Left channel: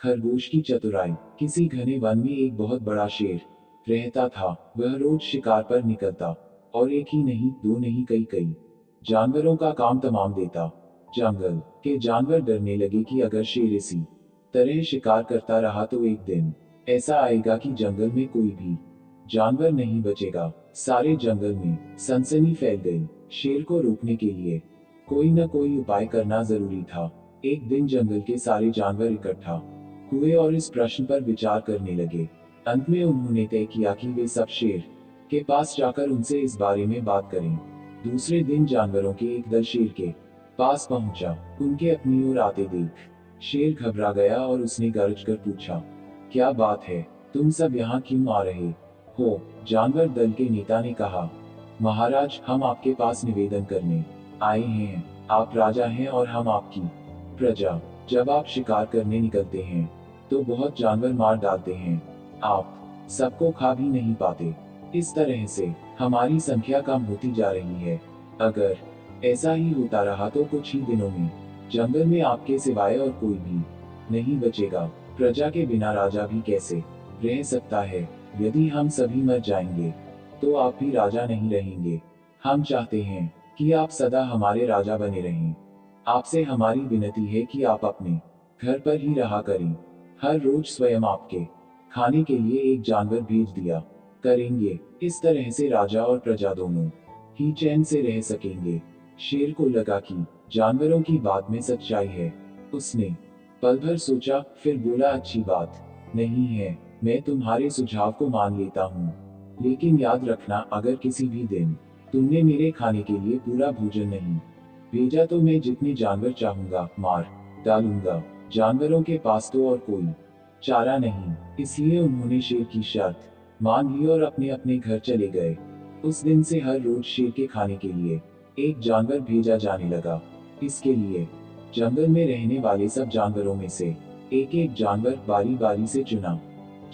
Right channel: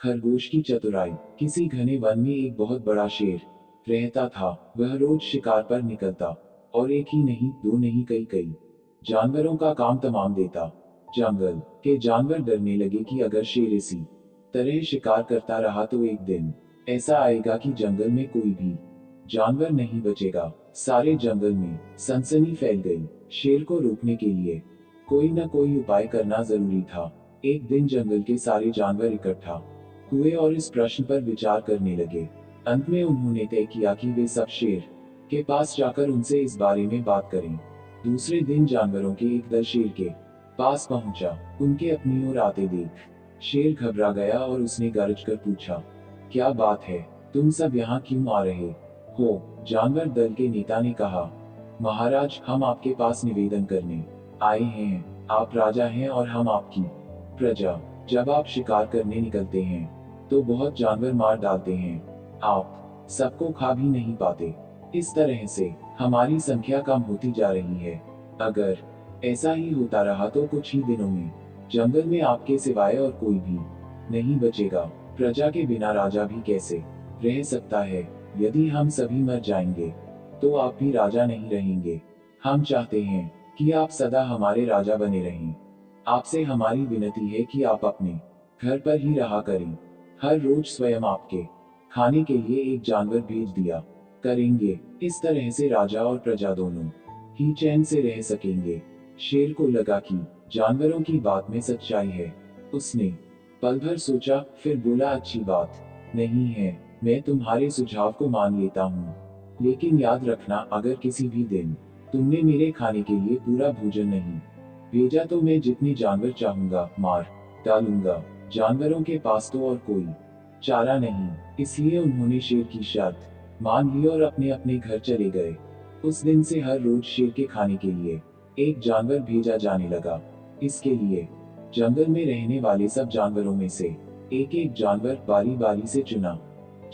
खरगोश की चतुराई। किसी घने वन में एक बहुत बड़ा शेर रहता था। वह रोज शिकार पर निकलता और एक ही नहीं, दो नहीं, कई कई जानवरों का काम तमाम देता। जंगल के जानवर डरने लगे कि अगर शेर इसी तरह शिकार करता रहा तो एक दिन ऐसा आएगा कि जंगल में कोई भी जानवर नहीं बचेगा। सारे जंगल में सनसनी फैल गई। शेर को रोकने के लिए कोई न कोई उपाय करना जरूरी था। एक दिन जंगल के सारे जानवर इकट्ठा हुए और इस प्रश्न पर विचार करने लगे। अंत में उन्होंने तय किया कि वे सब शेर के पास जाकर उनसे इस बारे में बात करें। दूसरे दिन जानवरों के एक दल शेर के पास पहुंचा। उनके अपनी ओर आते देख शेर घबरा गया और उसने गरज कर पूछा, क्या बात है, तुम सब यहाँ क्यों आ रहे हो? जानवर दल के नेता ने कहा, महाराज, हम आपके पास निवेदन करने आए हैं। आप राजा हैं और हम आपकी प्रजा। जब आप शिकार करने निकलते हैं तो बहुत जानवर मार डालते हैं। आप सबको खा भी नहीं पाते। इस तरह से हमारी संख्या कम होती जा रही है। अगर ऐसा ही होता रहा तो कुछ ही दिनों में जंगल में आपके सिवाय और कोई भी नहीं बचेगा। प्रजा के बिना राजा भी कैसे रह सकता है? यदि हम सभी मर जाएंगे तो आप भी राजा नहीं रहेंगे। हम चाहते हैं कि आप सदा हमारे राजा बने रहें। आपसे हमारी विनती है कि आप अपने घर पर ही रहा करें। हर रोज स्वयं आपके खाने के लिए एक जानवर भेज दिया करेंगे। इस तरह से राजा और प्रजा दोनों ही चैन से रह सकेंगे। शेर को लगा कि जानवरों की बात में सच्चाई है। उसने पल भर सोचा, फिर बोला, अच्छी बात नहीं है, मैं तुम्हारे सुझाव को मान लेता हूँ। लेकिन याद रखना, अगर किसी भी दिन तुमने मेरे खाने के लिए पूरा भोजन नहीं भेजा तो मैं जितने जानवर चाहूंगा मार डालूंगा। जानवरों के पास तो और कोई चारा नहीं, इसलिए उन्होंने शेर की शर्त मान ली और अपने अपने घर चले गए। उस दिन से हर रोज शेर के खाने के लिए एक जानवर भेजा जाने लगा। इसके लिए जंगल में रहने वाले सब जानवरों में से एक एक जानवर बारी बारी से चुना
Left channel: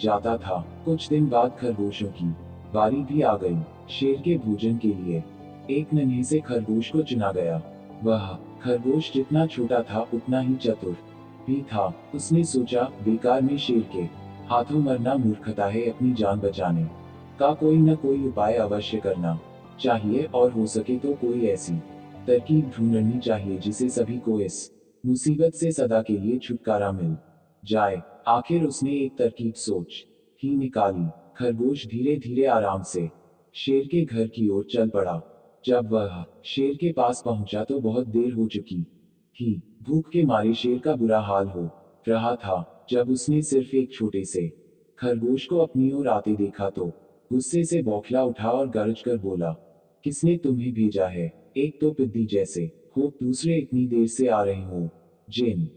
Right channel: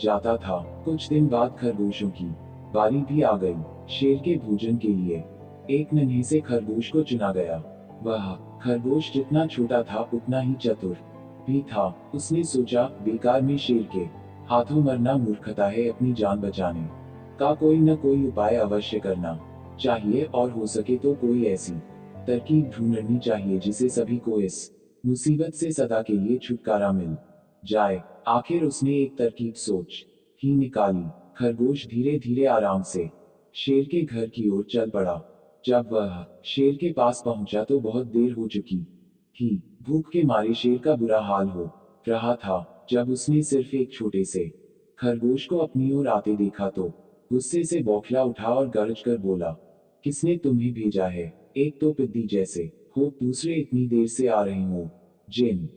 जाता था। कुछ दिन बाद खरगोशों की बारी भी आ गई। शेर के भोजन के लिए एक नन्हे से खरगोश को चुना गया। वह खरगोश जितना छोटा था उतना ही चतुर भी था। उसने सोचा, बेकार में शेर के हाथों मरना मूर्खता है, अपनी जान बचाने का कोई न कोई उपाय अवश्य करना चाहिए और हो सके तो कोई ऐसी तरकीब ढूंढनी चाहिए जिसे सभी को इस मुसीबत से सदा के लिए छुटकारा मिल जाए। आखिर उसने एक तरकीब सोच ही निकाली। खरगोश धीरे धीरे आराम से शेर के घर की ओर चल पड़ा। जब वह शेर के पास पहुंचा तो बहुत देर हो चुकी थी। भूख के मारे शेर का बुरा हाल हो रहा था। जब उसने सिर्फ एक छोटे से खरगोश को अपनी ओर आते देखा तो गुस्से से बौखला उठा और गरज कर बोला, किसने तुम्हें भेजा है? एक तो पिद्दी जैसे हो, दूसरे इतनी देर से आ रहे हो। जिन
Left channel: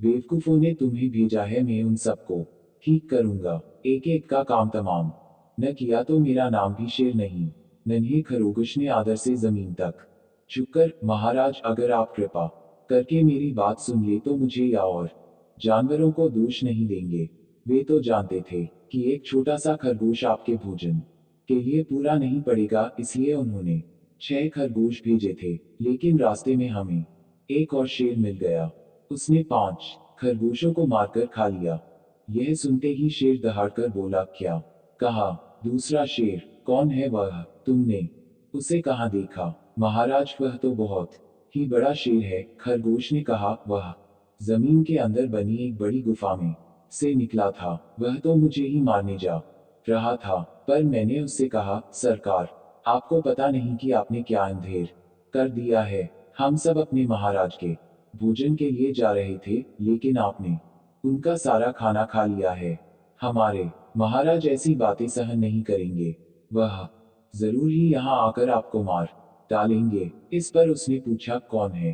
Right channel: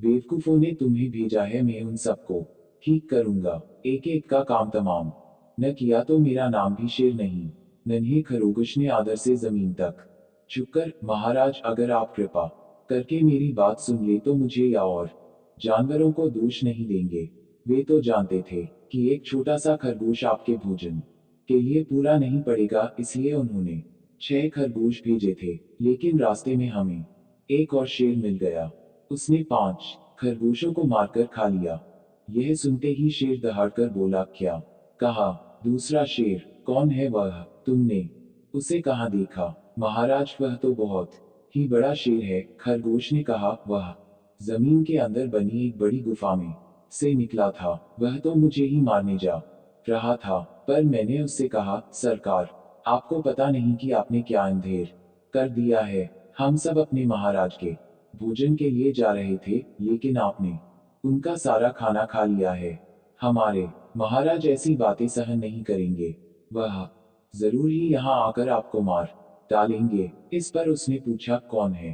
बेवकूफों ने तुम्हें भेजा है मैं उन सबको ठीक करूंगा। एक एक का काम तमाम न किया तो मेरा नाम भी शेर नहीं। नन्हे खरगोश ने आदर से जमीन तक झुककर, महाराज, अगर आप कृपा करके मेरी बात सुन ले तो मुझे या और जानवरों को दोष नहीं देंगे। वे तो जानते थे कि एक छोटा सा खरगोश आपके भोजन के लिए पूरा नहीं पड़ेगा, इसलिए उन्होंने 6 खरगोश भेजे थे। लेकिन रास्ते में हमें एक और शेर मिल गया। उसने 5 खरगोशों को मारकर खा लिया। यह सुनते ही शेर दहाड़कर बोला, क्या कहा? दूसरा शेर, कौन है वह? तुमने उसे कहाँ देखा? महाराज, वह तो बहुत ही बड़ा शेर है। खरगोश ने कहा, वह जमीन के अंदर बनी एक बड़ी गुफा में से निकला था। वह तो मुझे ही मारने जा रहा था, पर मैंने उससे कहा, सरकार, आपको पता नहीं कि आपने क्या अंधेर कर दिया है। हम सब अपने महाराज के भोजन के लिए जा रहे थे, लेकिन आपने उनका सारा खाना खा लिया है। हमारे महाराज ऐसी बातें सहन नहीं करेंगे। वह जरूर ही यहाँ आकर आपको मार डालेंगे। इस पर उसने पूछा, कौन है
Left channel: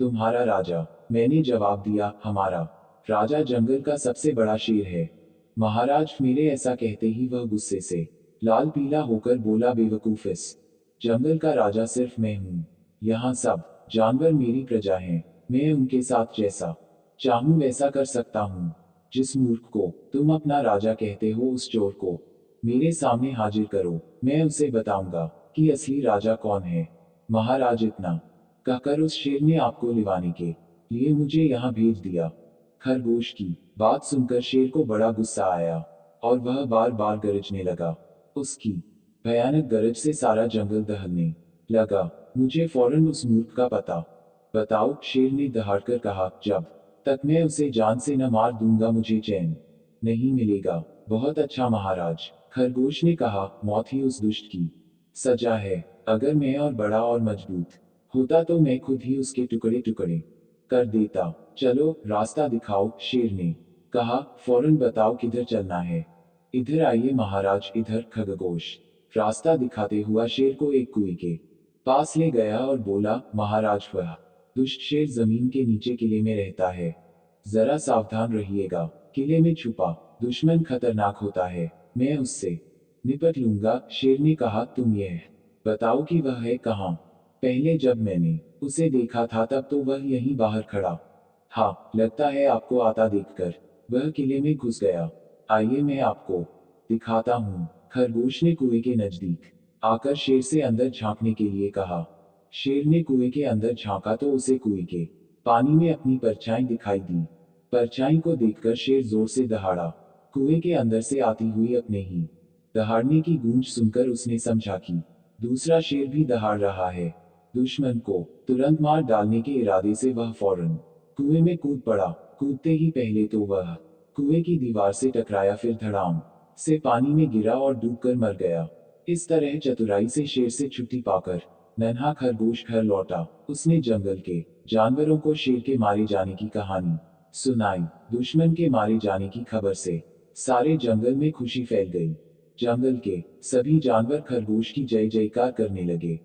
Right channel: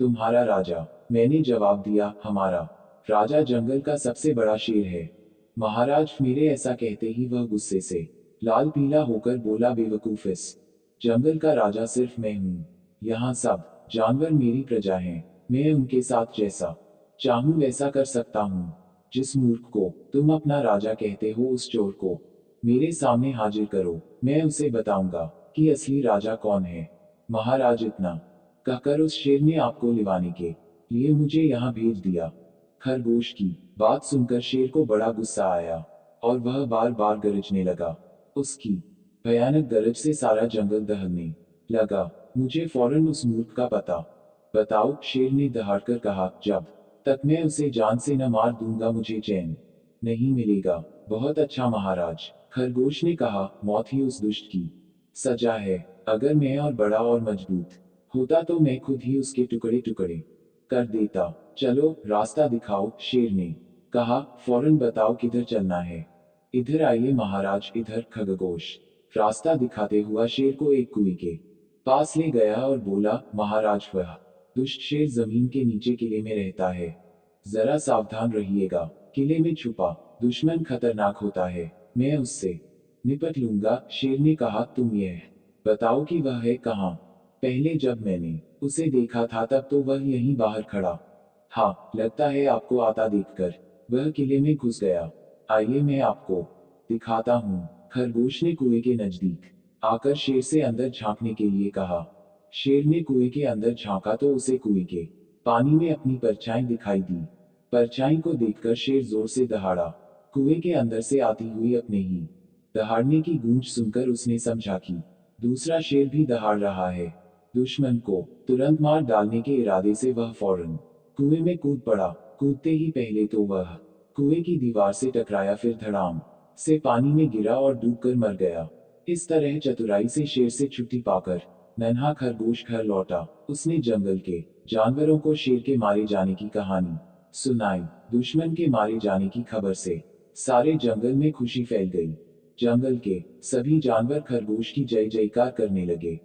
तुम्हारा राजा? मैंने जवाब दिया, हमारा राजा जंगल का सबसे बड़ा शेर है। महाराज, मेरे ऐसा कहते ही वह गुस्से से लाल पीला होकर बोला, बेवकूफ, इस जंगल का राजा सिर्फ मैं हूँ। यहाँ सब जानवर मेरी प्रजा हैं। मैं उनके साथ जैसा चाहूं वैसा कर सकता हूँ। जिस मूर्ख को तुम अपना राजा कहते हो उस चोर को मेरे सामने हाजिर करो, मैं उसे बताऊंगा कि असली राजा कौन है। महाराज, इतना कहकर उस शेर ने आपको लिवाने के लिए मुझे यहाँ भेज दिया। खरगोश की बात सुनकर शेर को बड़ा गुस्सा आया और वह बार बार गरजने लगा। उसकी भयानक गरज से सारा जंगल दहलने लगा। मुझे फौरन उस मूर्ख का पता बताओ, शेर ने दहाड़कर कहा। जब तक मैं उसे जान से न मार दूंगा मुझे चैन नहीं मिलेगा। बहुत अच्छा महाराज, खरगोश ने कहा, मौत ही उस दुष्ट की सजा है। अगर मैं और बड़ा और मजबूत होता तो मैं खुद ही उसके टुकड़े टुकड़े कर देता। चलो रास्ता दिखाओ, शेर ने कहा। फौरन बताओ किधर चलना है। इधर आइए महाराज, इधर। खरगोश रास्ता दिखाते हुआ शेर को एक कुएं के पास ले गया और बोला, महाराज वह दुष्ट शेर जमीन के नीचे किले में रहता है। जरा सावधान रहिएगा। किले में छुपा दुश्मन खतरनाक होता है। मैं उससे निपट लूंगा। शेर ने कहा, तुम यह बताओ कि वह है कहाँ। पहले जब मैंने उसे देखा था तब तो वह यहीं बाहर खड़ा था। लगता है आपको आता देखकर वह किले में घुस गया। आइए मैं आपको दिखाता हूँ। खरगोश ने कुएं के नजदीक आकर शेर से अंदर झांकने के लिए कहा। शेर ने कुएं के अंदर झांका तो उसे कुएं के पानी में अपनी परछाई दिखाई दी। परछाई को देखकर शेर जोर से दहाड़ा। कुएं के अंदर से आती हुई अपने ही दहाड़ने की गूंज सुनकर उसने समझा कि दूसरा शेर भी दहाड़ रहा है। दुश्मन को तुरंत मार डालने के इरादे से वह फौरन कुएं में कूद पड़ा। कूदते ही पहले तो वह कुएं की दीवार से टकराया, फिर धड़ाम से पानी में गिरा और डूबकर मर गया। इस तरह चतुराई से शेर से छुट्टी पाकर नन्हा खरगोश घर लौटा। उसने जंगल के जानवरों को शेर के मारे जाने की कहानी सुनाई। दुश्मन के मारे जाने की खबर से सारे जंगल में खुशी फैल गई। जंगल के सभी जानवर खरगोश की जय जयकार करने लगे।